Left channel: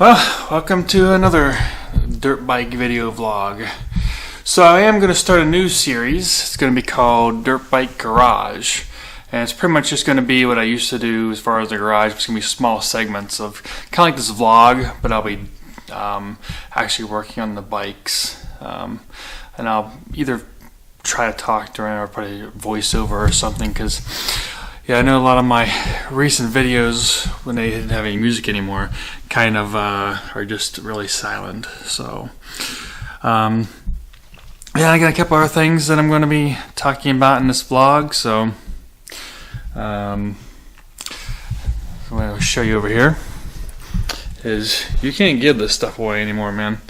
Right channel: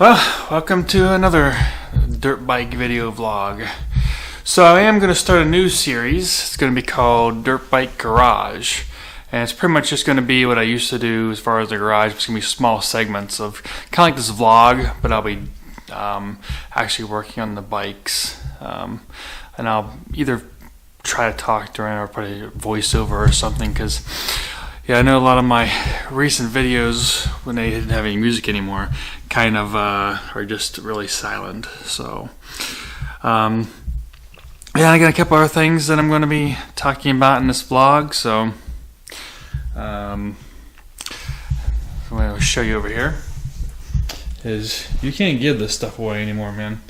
Well, welcome to another dirt bike video vlog. So I am going to start a new series. It's going to be called Dirtbike Garage. And it's pretty much just going to be what I used to do as far as the garage. It's going to be small segments of kind of like this vlog, but I'll be actually working on the bikes. And I'll either try to talk during or put a voiceover or something, because yeah, I know a lot of my recent videos, when they didn't have any music anymore, kind of are just really silent. So yeah, I got a couple other things that I'm going to be talking about in this vlog. So I'm going to show you over here. Is you can't give this stuff away anymore, man.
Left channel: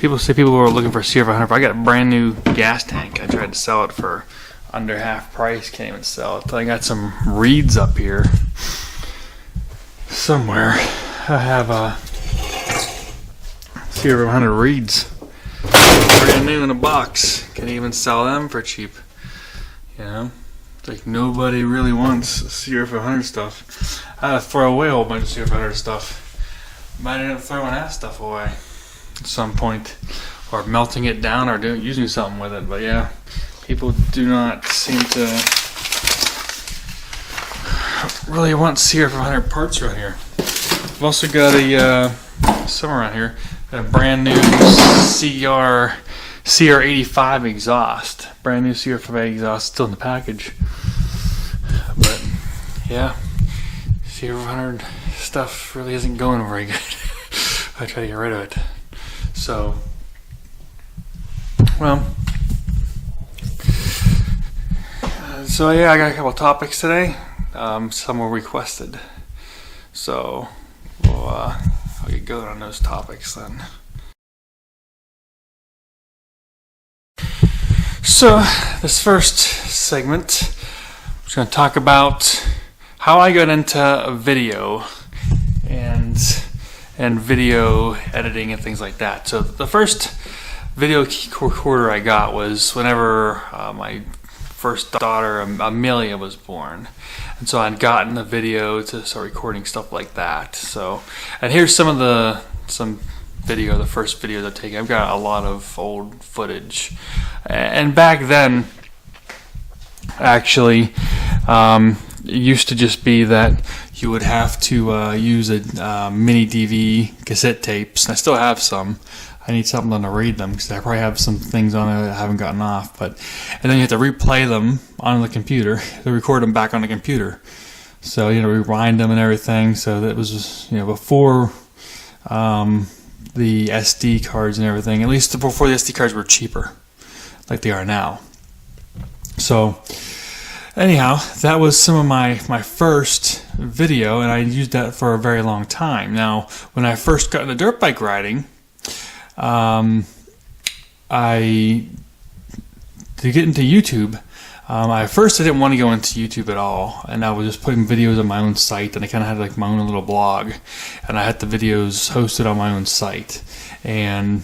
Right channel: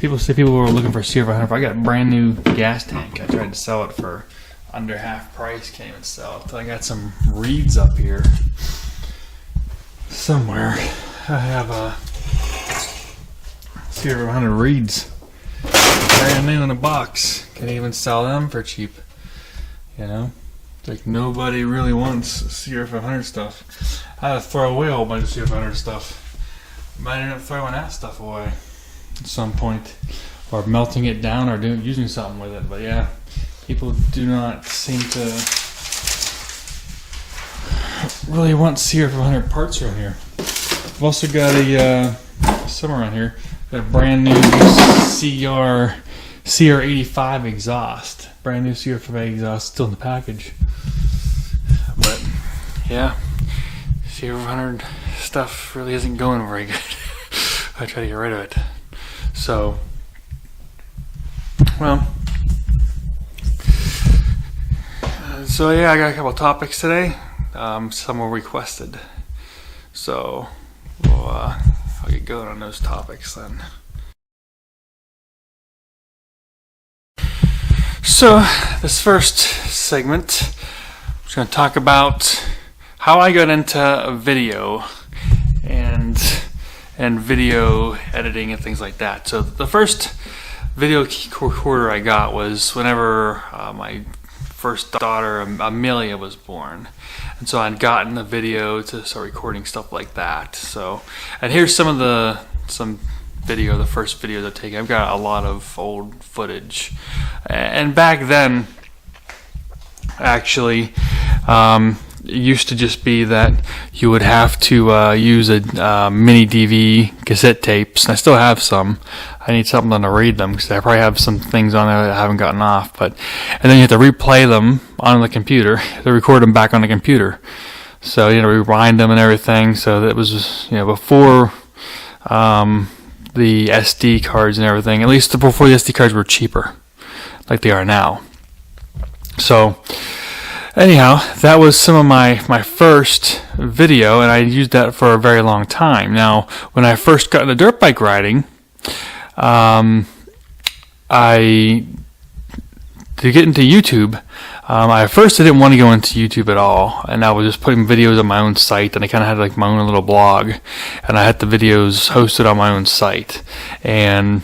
People say people are looking for CR500. I got a brand new gas tank. I tried to sell it for under half price. Can't even sell it. I got some reeds up here somewhere. I have a CR500 reeds, brand new in a box. Can't even sell them for cheap. You know, it's like nobody really wants CR500 stuff. I had to throw away a whole bunch of CR500 stuff. Might end up throwing that stuff away at some point, or melting it down, or using something with it. But yeah, people do not seem to really want CR500 parts around here. I've also got a some around here. Got a brand new CR85 exhaust. Brand new CR5 exhaust, still in the package. But yeah, CR500 stuff really isn't going very good. I try to get rid of it. So, well, so yeah, I got a couple topics today. Some were requested, so I'll get going on those topics then. So this first segment, I'm just going to talk about how I got into video and video editing and things like that. So the first video recorder I got was whenever my first daughter Amelia was born, and so I'd gotten the video to start recording stuff like that. So, and here's some video, the first videos I've taken. I've got a lot of old footage, and back then, actually, it used to just be that you would have to use a mini DV cassette tapes, and I still have some. I need something to read them because I probably have some things on there that I haven't gotten off. And then you have to replay them on the computer to record them back on the computer. So you know, rewind them and everything. So that was, you know, before the SD cards and everything. At least before the SD cards were cheaper, like they are now. So anyhow, that was some of my first video, and I used that for a very long time. Now, when I first got into dirt bike riding, to get into YouTube, at first I didn't want to go into YouTube at all, and I was just putting videos on my own site, and I kind of had like my own little blog, and I had the videos hosted on my own site. And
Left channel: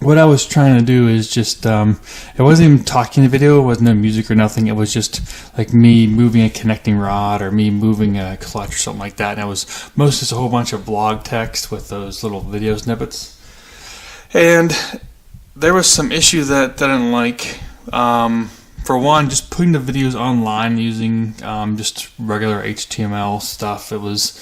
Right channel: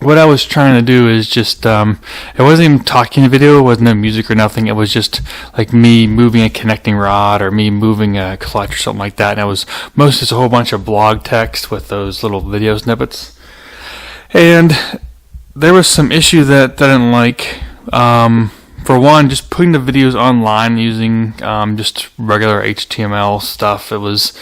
what I was trying to do is just, it wasn't even talking video, it wasn't no music or nothing, it was just like me moving a connecting rod or me moving a clutch or something like that, and it was mostly just a whole bunch of blog text with those little video snippets. And there was some issue that I didn't like. For one, just putting the videos online using just regular HTML stuff, it was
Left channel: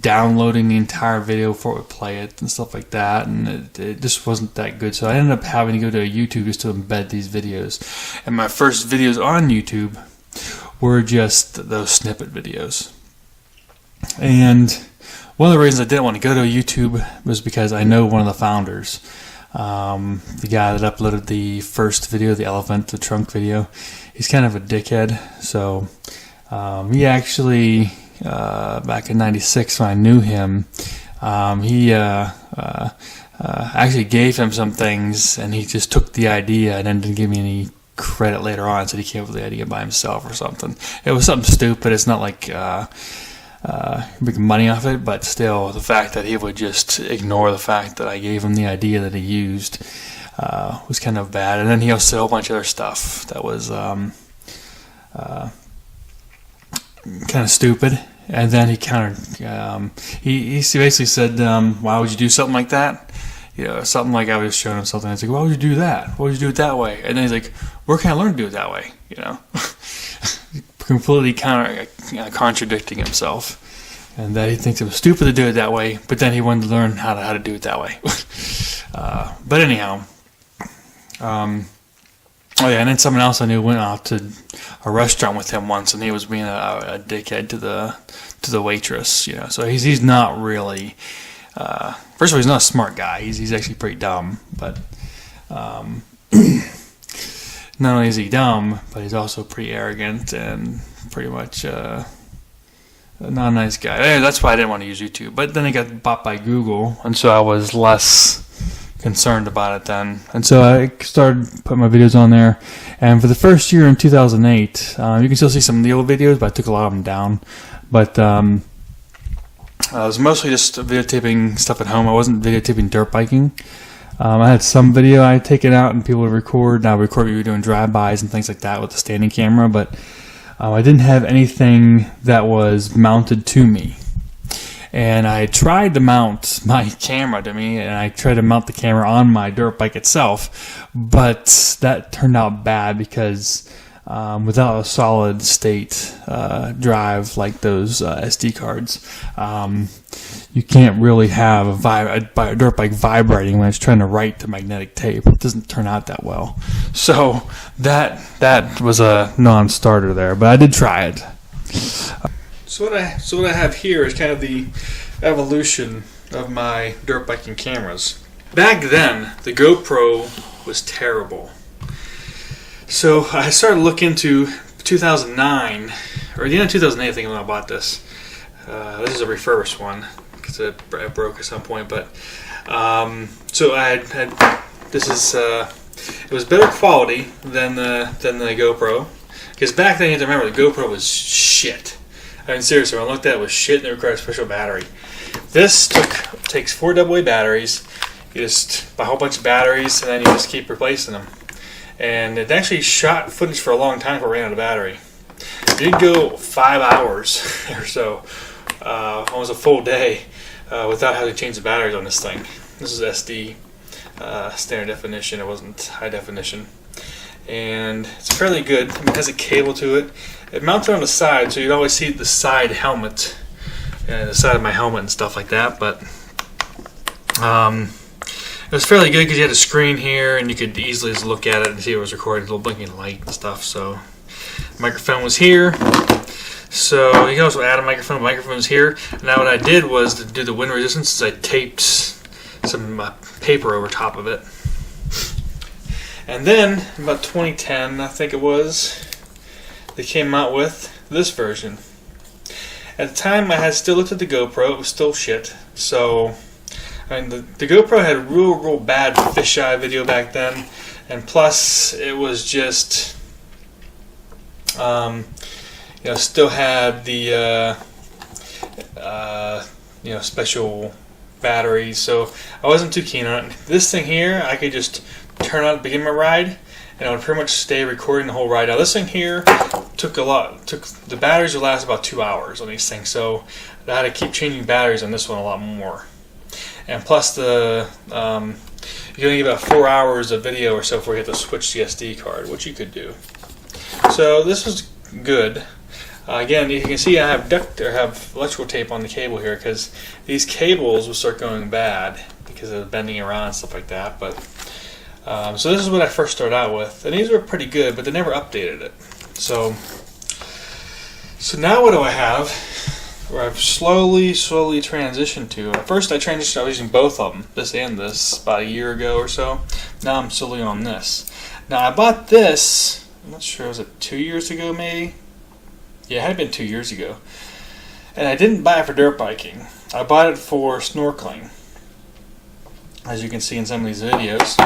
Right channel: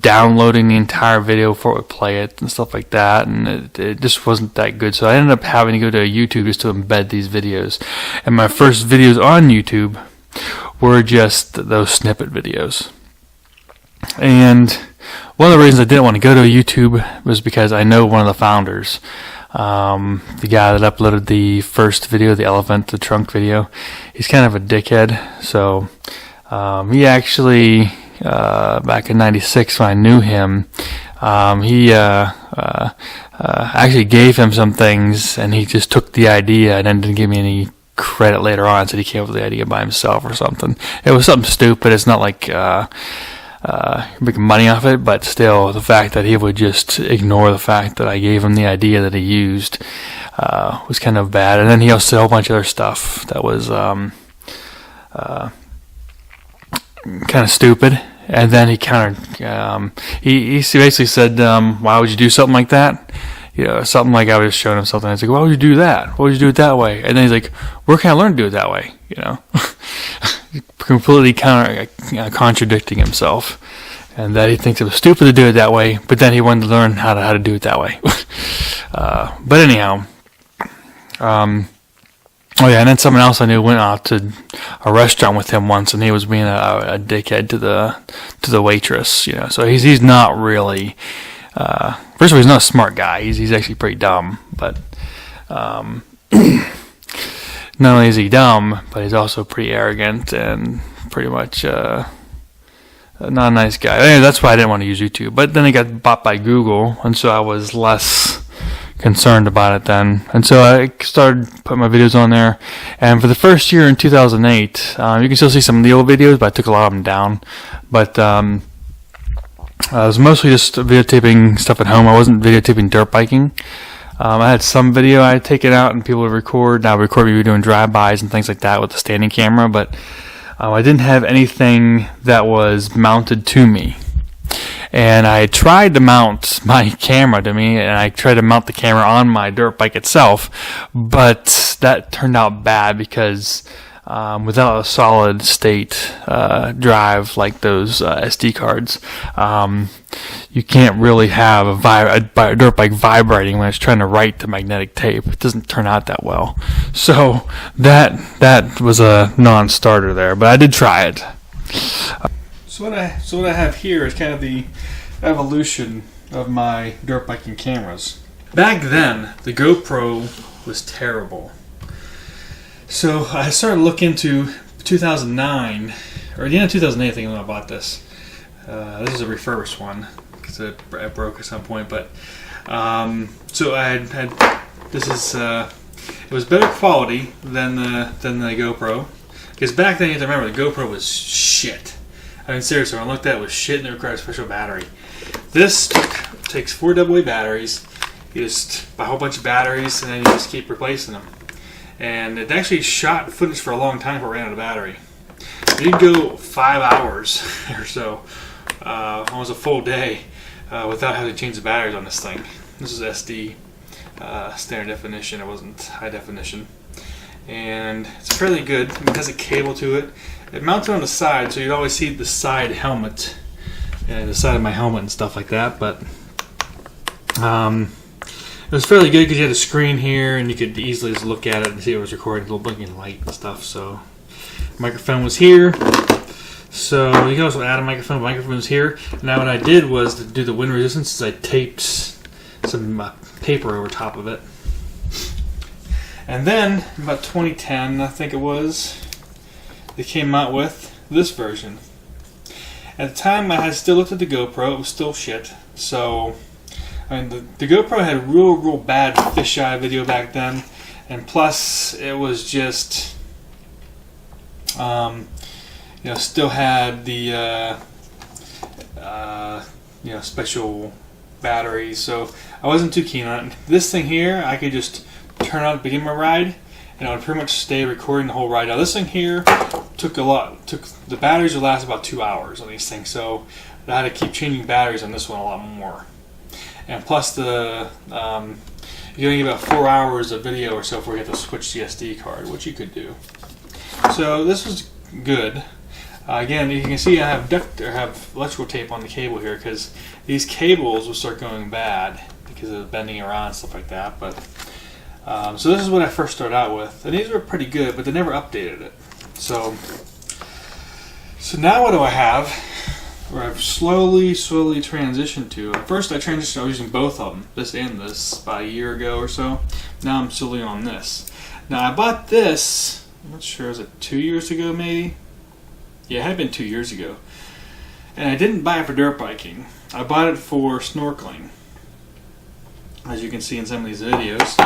downloading the entire video before it would play it and stuff like that, and it just wasn't that good. So I ended up having to go to YouTube just to embed these videos. And my first videos on YouTube were just those snippet videos. And one of the reasons I didn't want to go to YouTube was because I know one of the founders, the guy that uploaded the first video, the elephant, the trunk video. He's kind of a dickhead. So he actually, back in '96 when I knew him, he actually gave him some things, and he just took the idea and then didn't give me any credit later on. Said he came up with the idea by himself or something. It was something stupid. It's not like making money off it, but still, the fact that he would just ignore the fact that I gave him the idea that he used was kind of bad. And then he also said a whole bunch of other stuff that was kind of stupid, And then he he basically said, why would you do something like that? You know, something like I was showing him something. I was like, why would you do that? Why would you do it that way? And then he's like, where can I learn to do it that way? You know, completely contradicting himself. And that he thinks it was stupid to do it that way, but then he wanted to learn how to do it that way. But anyhow, oh yeah, and then someone else I knew went out to a restaurant with him once, and he was being a dickhead to the waitress. You know, so he's not really. First of all, he's not a smart guy. He's actually pretty dumb. But not only is he dumb, but he's also pretty arrogant and pretty much not a nice guy. Anyway, that's why I didn't want to use YouTube. But then it got bought by Google, and so I was less concerned about it then. And so I started putting my videos on there. And for the first year in 2008, you can still see some of the old videos, but I took a lot of them down. But I was mostly just videotaping stuff at home. I wasn't videotaping dirt biking. I had some video I had taken out and people would record. Now record me doing drive-bys and things like that with the standing camera, but I didn't have anything that was mounted to me. And I tried to mount my camera to me, and I tried to mount the camera on my dirt bike itself, but that turned out bad because without a solid state drive like those SD cards, you can't really have a dirt bike vibrating when it's trying to write the magnetic tape. It doesn't turn out that well. So that was a non-starter there, but I did try it. So what I have here is kind of the evolution of my dirt biking cameras. Back then, the GoPro was terrible. So I started looking into 2009, or the end of 2008, I think, when I bought this. This is a refurbished one because it broke at some point. But so I had this is it was better quality than the GoPro, because back then you have to remember the GoPro was shit. I mean, seriously, when I looked at it, it was shit, and it required a special battery. This takes 4 AA batteries. You just buy a whole bunch of batteries, and then you just keep replacing them. And it actually shot footage for a long time before it ran out of battery. It did go 5 hours or so, almost a full day, without having to change the batteries on this thing. This is SD standard definition. It wasn't high definition. And it's fairly good. I mean, it has a cable to it. It mounted on the side, so you'd always see the side helmet, the side of my helmet and stuff like that. But it was fairly good because you had a screen here, and you could easily just look at it and see it was recording, a little blinking light and stuff. So the microphone was here. So you can also add a microphone. The microphone was here. Now what I did was to do the wind resistance is I taped some paper over top of it. And then about 2010, I think it was, they came out with this version. At the time, I had still looked at the GoPro. It was still shit. So, I mean, the GoPro had real bad fisheye video back then, and plus it was just, still had the special batteries. So I wasn't too keen on it. This thing here, I could just turn on at the beginning of my ride, and I would pretty much stay recording the whole ride. Now this thing here the batteries would last about 2 hours on these things, so I had to keep changing batteries on this one a lot more. And plus you only get about 4 hours of video or so before you have to switch the SD card, which you could do. So this was good. Again, you can see I have electrical tape on the cable here because these cables will start going bad because of bending around and stuff like that. But so this is what I first started out with, and these were pretty good, but they never updated it. So now what do I have? Where I've slowly transitioned to. At first I was using both of them, this and this, about a year ago or so. Now I'm slowly on this. Now I bought this, I'm not sure, was it 2 years ago maybe? Yeah, it had been 2 years ago. And I didn't buy it for dirt biking. I bought it for snorkeling, as you can see in some of these videos.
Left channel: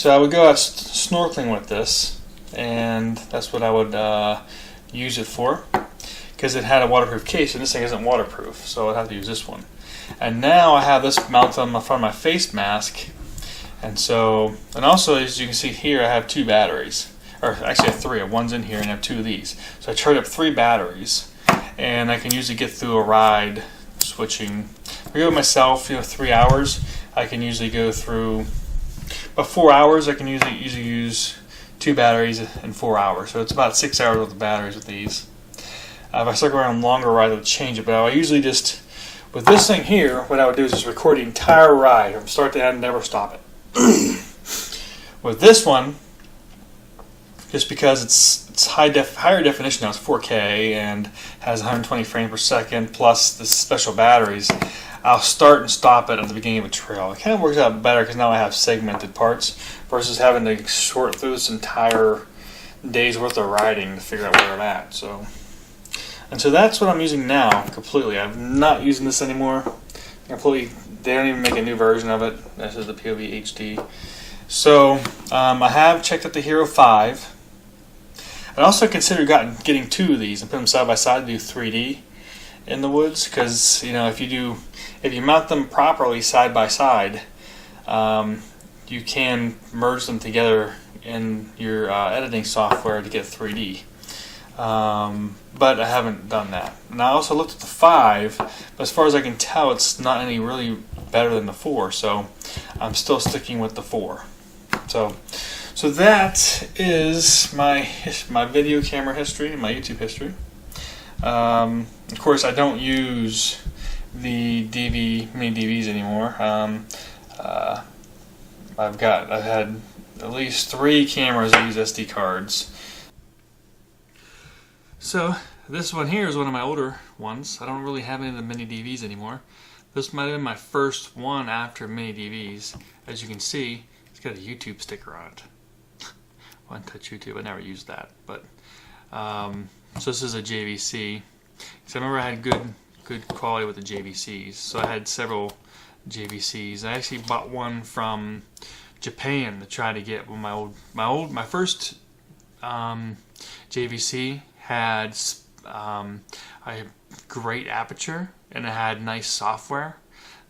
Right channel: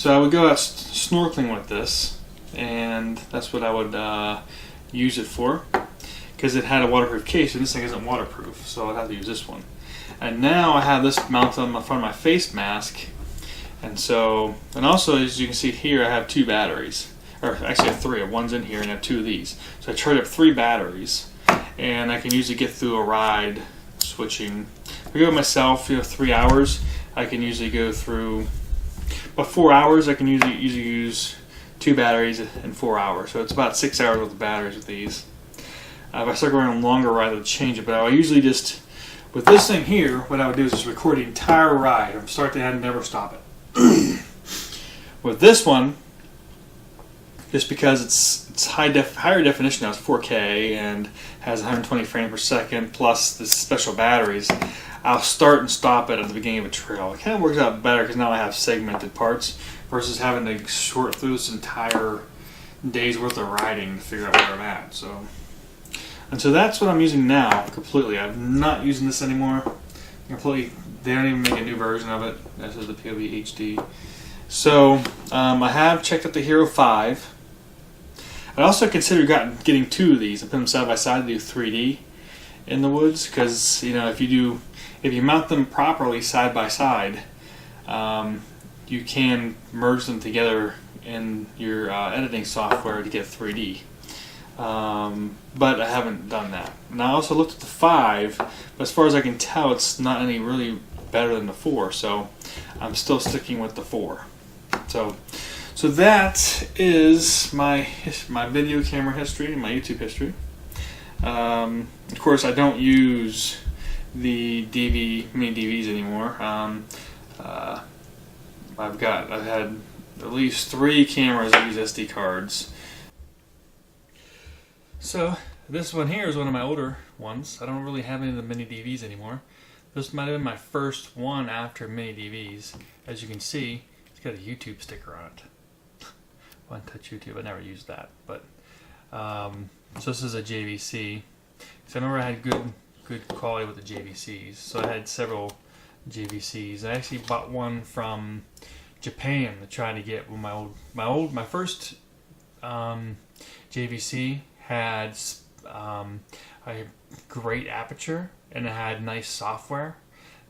So I would go out snorkeling with this, and that's what I would use it for, because it had a waterproof case, and this thing isn't waterproof, so I'd have to use this one. And now I have this mounted on the front of my face mask, and also as you can see here, I have 2 batteries, or actually I have 3. One's in here, and I have 2 of these. So I charge up 3 batteries, and I can usually get through a ride switching. If I go myself, 3 hours, I can usually go through. About 4 hours, I can usually use 2 batteries in 4 hours. So it's about 6 hours worth of batteries with these. If I start going on a longer ride, I would change it. But I usually just, with this thing here, what I would do is just record the entire ride from start to end, never stop it. With this one, just because it's higher definition now, it's 4K and has 120 frames per second plus the special batteries, I'll start and stop it at the beginning of a trail. It kind of works out better because now I have segmented parts versus having to sort through this entire day's worth of riding to figure out where I'm at. So that's what I'm using now completely. I'm not using this anymore. Completely, they don't even make a new version of it. This is the POV HD. So I have checked out the Hero 5. I also considered getting 2 of these and put them side by side to do 3D in the woods, because if you mount them properly side by side, you can merge them together in your editing software to get 3D. But I haven't done that. And I also looked at the 5, but as far as I can tell, it's not any really better than the 4, so I'm still sticking with the 4. So that is my video camera history and my YouTube history. Of course, I don't use the mini DVs anymore. I've had at least 3 cameras that use SD cards. So this one here is one of my older ones. I don't really have any of the mini DVs anymore. This might have been my first one after mini DVs. As you can see, it's got a YouTube sticker on it. One Touch YouTube, I never used that. But so this is a JVC. So I remember I had good quality with the JVCs. So I had several JVCs. I actually bought one from Japan to try to get my first JVC had a great aperture, and it had nice software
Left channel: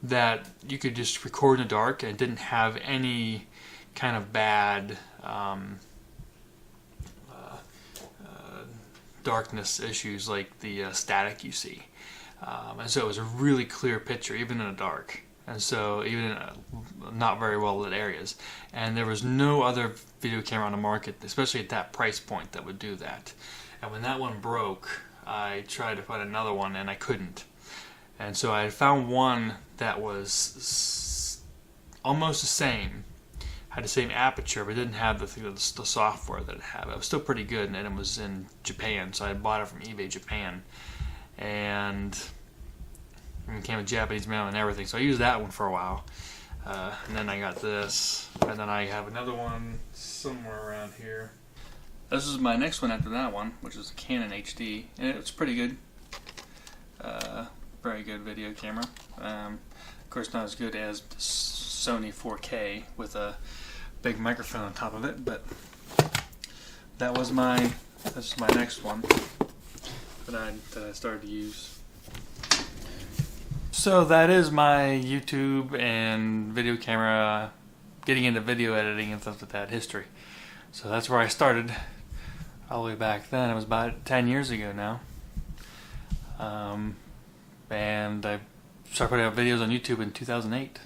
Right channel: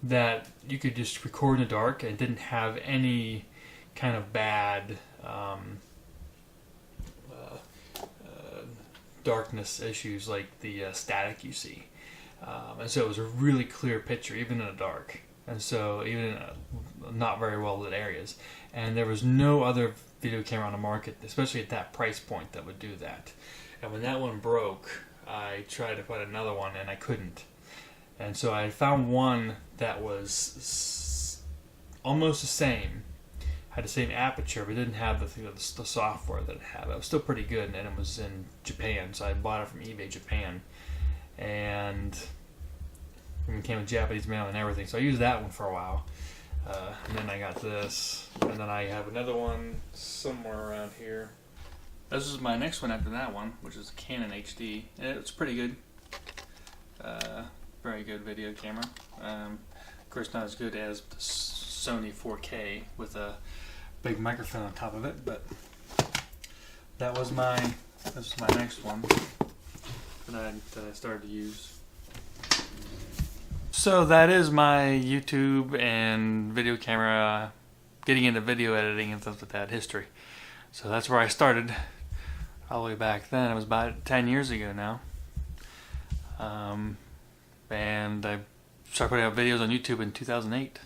that you could just record in the dark and didn't have any kind of bad darkness issues like the static you see. And so it was a really clear picture even in the dark, and so even in not very well lit areas. And there was no other video camera on the market, especially at that price point, that would do that. And when that one broke, I tried to find another one and I couldn't. And so I found one that was almost the same, had the same aperture, but didn't have the software that it had. It was still pretty good, and it was in Japan, so I bought it from eBay Japan. And it came with Japanese mail and everything, so I used that one for a while. And then I got this, and then I have another one somewhere around here. This is my next one after that one, which is a Canon HD, and it's pretty good. Very good video camera. Of course, not as good as the Sony 4K with a big microphone on top of it, but that's my next one that I started to use. So that is my YouTube and video camera, getting into video editing and stuff like that history. So that's where I started all the way back then. It was about 10 years ago now. And I started putting out videos on YouTube in 2008.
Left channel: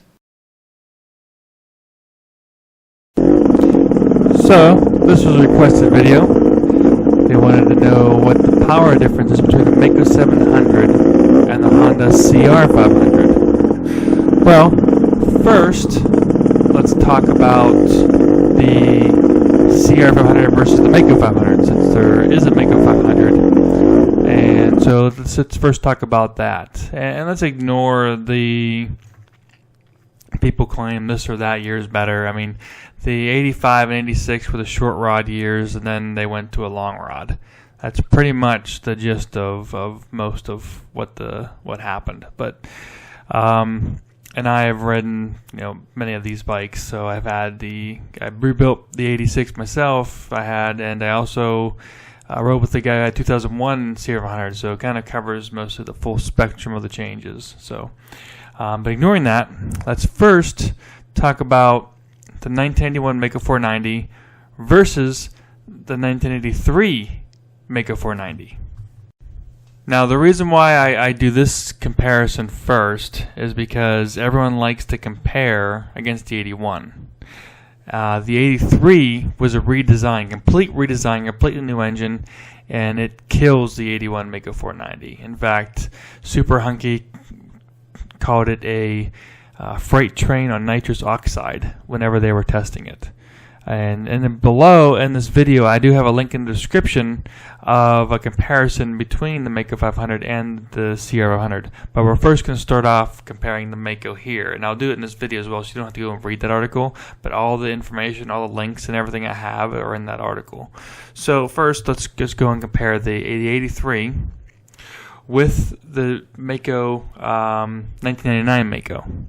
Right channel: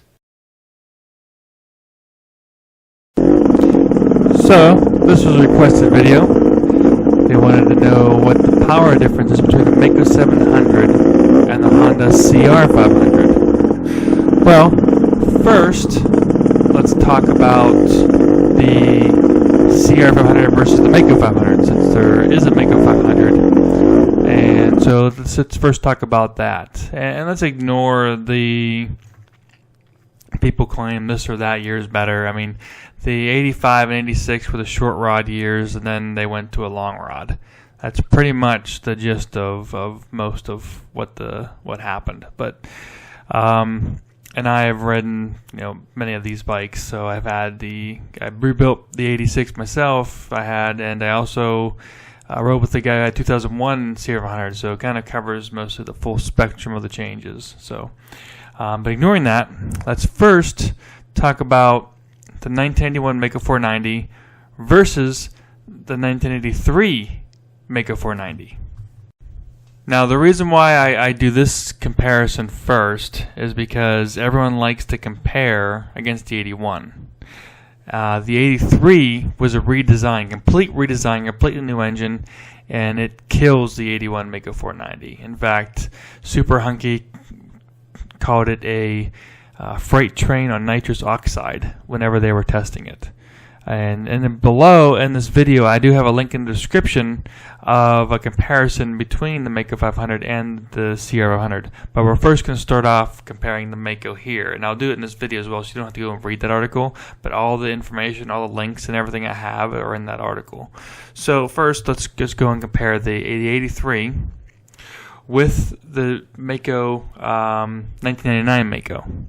So this was a requested video. They wanted to know what the power difference is between the Maicos 700 and the Honda CR500. Well, first, let's talk about the CR500 versus the Maico 500, since there is a Maico 500. And so let's first talk about that. And let's ignore the people claim this or that year is better. I mean, the 85 and 86 were the short rod years, and then they went to a long rod. That's pretty much the gist of most of what happened. But and I have ridden, many of these bikes. So I rebuilt the 86 myself. And I also rode with the guy who had 2001 CR500. So it kind of covers most of the full spectrum of the changes. So, but ignoring that, let's first talk about the 1991 Maico 490 versus the 1983 Maico 490. Now, the reason why I do this comparison first is because everyone likes to compare against the 81. The 83 was a complete redesign, completely new engine, and it kills the 81 Maico 490. In fact, Super Hunky called it a freight train on nitrous oxide whenever they were testing it. And then below in this video, I do have a link in the description of a comparison between the Maico 500 and the CR500. But we're first going to start off comparing the Maico here. And I'll do it in this video as well, so you don't have to go and read that article. But all the information, all the links and everything I have are in that article. So first, let's just go and compare the 83 with the Maico 1999 Maico.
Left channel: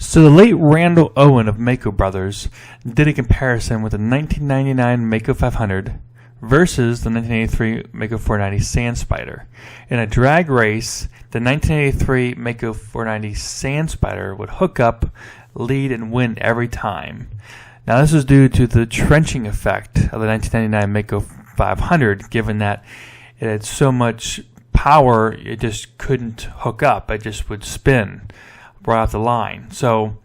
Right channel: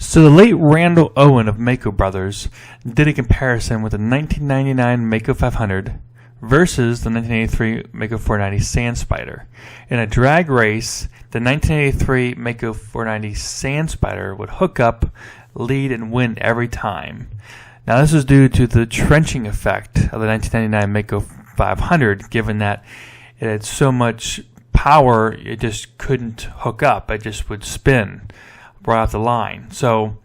So the late Randall Owen of Maico Brothers did a comparison with the 1999 Maico 500 versus the 1983 Maico 490 Sand Spider. In a drag race, the 1983 Maico 490 Sand Spider would hook up, lead, and win every time. Now this was due to the trenching effect of the 1999 Maico 500, given that it had so much power it just couldn't hook up, it just would spin right off the line. So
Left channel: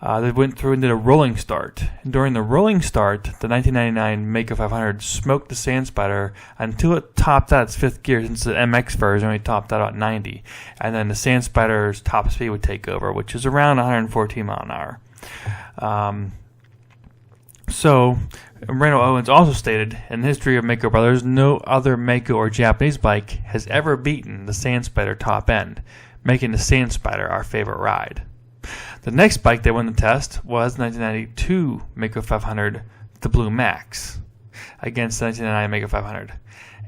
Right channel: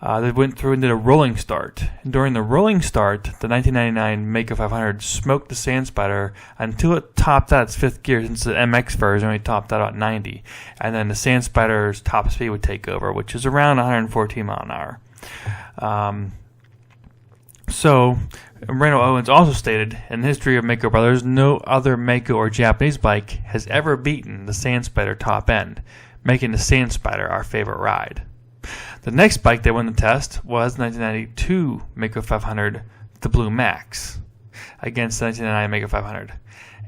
they went through and did a rolling start. And during the rolling start, the 1999 Maico 500 smoked the Sand Spider until it topped out its fifth gear, since the MX version only topped out at 90. And then the Sand Spider's top speed would take over, which is around 114 mile an hour. So Randall Owens also stated, in the history of Maico Brothers, no other Maico or Japanese bike has ever beaten the Sand Spider top end, making the Sand Spider our favorite ride. The next bike that won the test was 1992 Maico 500, the Blue Max, against the 1999 Maico 500.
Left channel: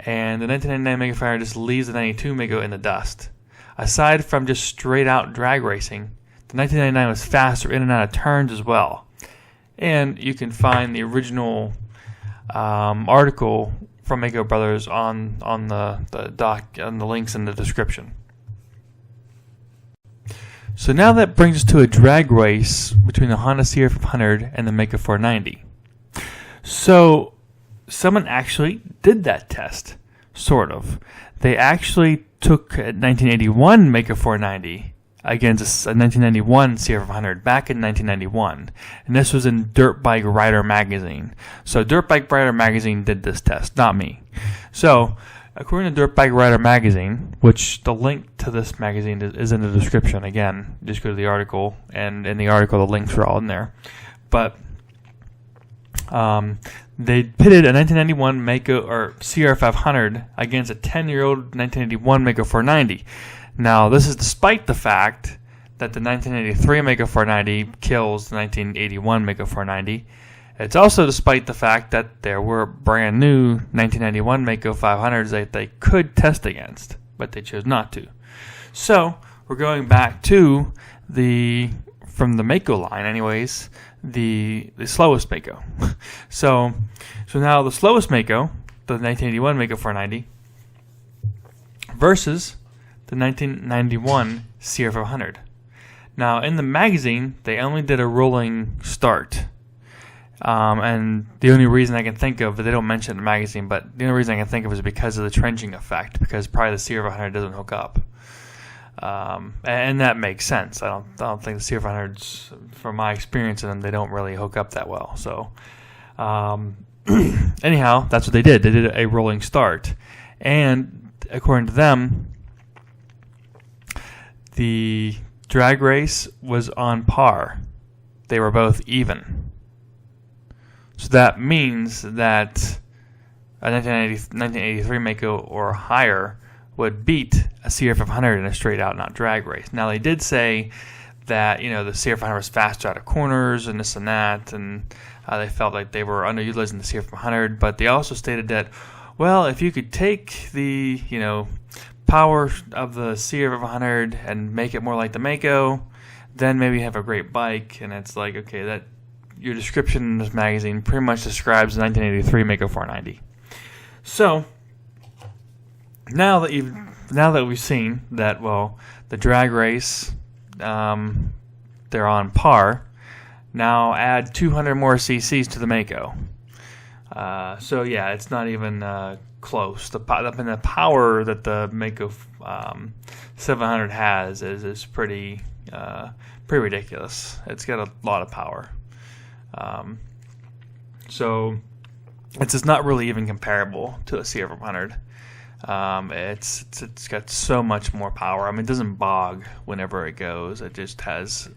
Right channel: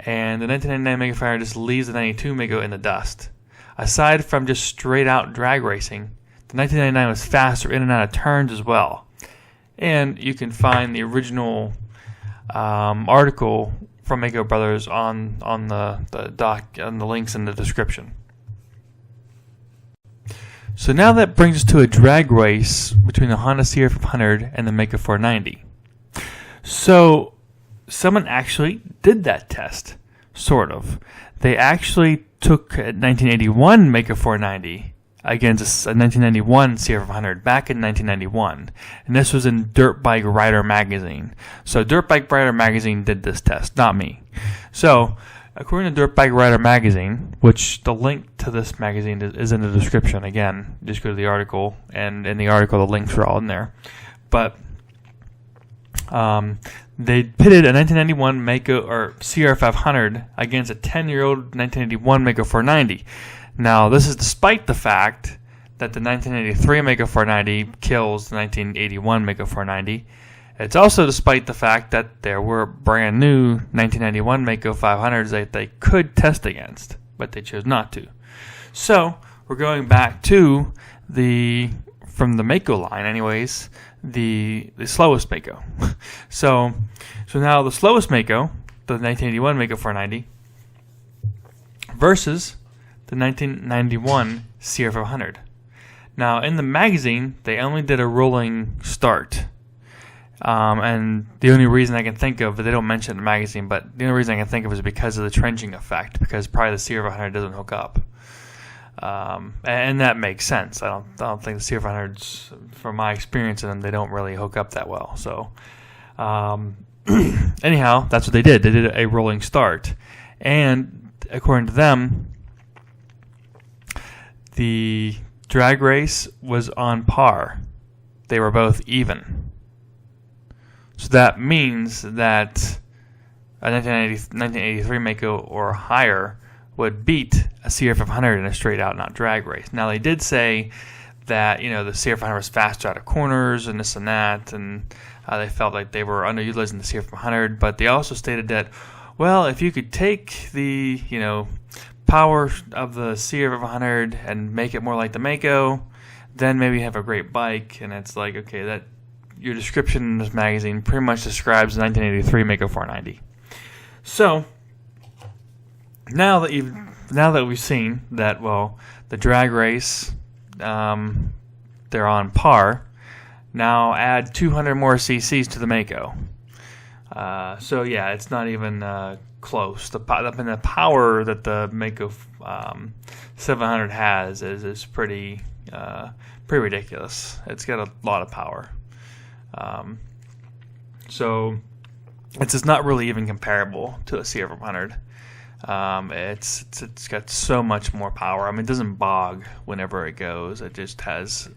And the 1999 Maico 500 just leaves the 92 Maico in the dust. Aside from just straight out drag racing, the 1999 was faster in and out of turns as well. And you can find the original article from Maico Brothers on the links in the description. So now that brings us to a drag race between the Honda CR500 and the Maico 490. So someone actually did that test, sort of. They actually took a 1981 Maico 490 against a 1991 CR500 back in 1991. And this was in Dirtbike Rider magazine. So Dirtbike Rider magazine did this test, not me. So according to Dirtbike Rider magazine, which the link to this magazine is in the description, again, just go to the article, and in the article the links are all in there. But they pitted a 1991 Maico or CR500 against a 10-year-old 1981 Maico 490. Now, this is despite the fact that the 1983 Maico 490 kills the 1981 Maico 490. It's also despite the fact that there were brand new 1991 Maico 500s that they could test against, but they chose not to. So we're going back to from the Maico line anyways, the slowest Maico. so now the slowest Maico, the 1981 Maico 490, versus the 1991 CR500. Now in the magazine, they only did a rolling start. And the only reason I can think of, they don't mention it in the magazine, but the only reason I can think of is because of the trenching effect, because probably the CR500 doesn't hook up. And that makes sense. I don't think the CR500s, from my experience in them, they don't really hook up that well. So, anyhow, that's what they did. They did a rolling start. And according to them, the drag race was on par. They were both even. So that means that a 1983 Maico or higher would beat a CR500 in a straight out not drag race. Now they did say that, the CR500 was faster out of corners and this and that, and they felt like they were underutilizing the CR500, but they also stated that, well, if you could take the, power of the CR500 and make it more like the Maico, then maybe have a great bike. And it's like, okay, that your description in this magazine pretty much describes the 1983 Maico 490. So now that we've seen that, well, the drag race, they're on par. Now add 200 more cc's to the Maico. So yeah, it's not even close. The power that the Maico 700 has is pretty ridiculous. It's got a lot of power. So it's just not really even comparable to a CR500. It's got so much more power. I mean, it doesn't bog whenever it goes. It just has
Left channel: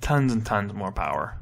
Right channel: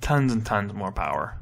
tons and tons more power.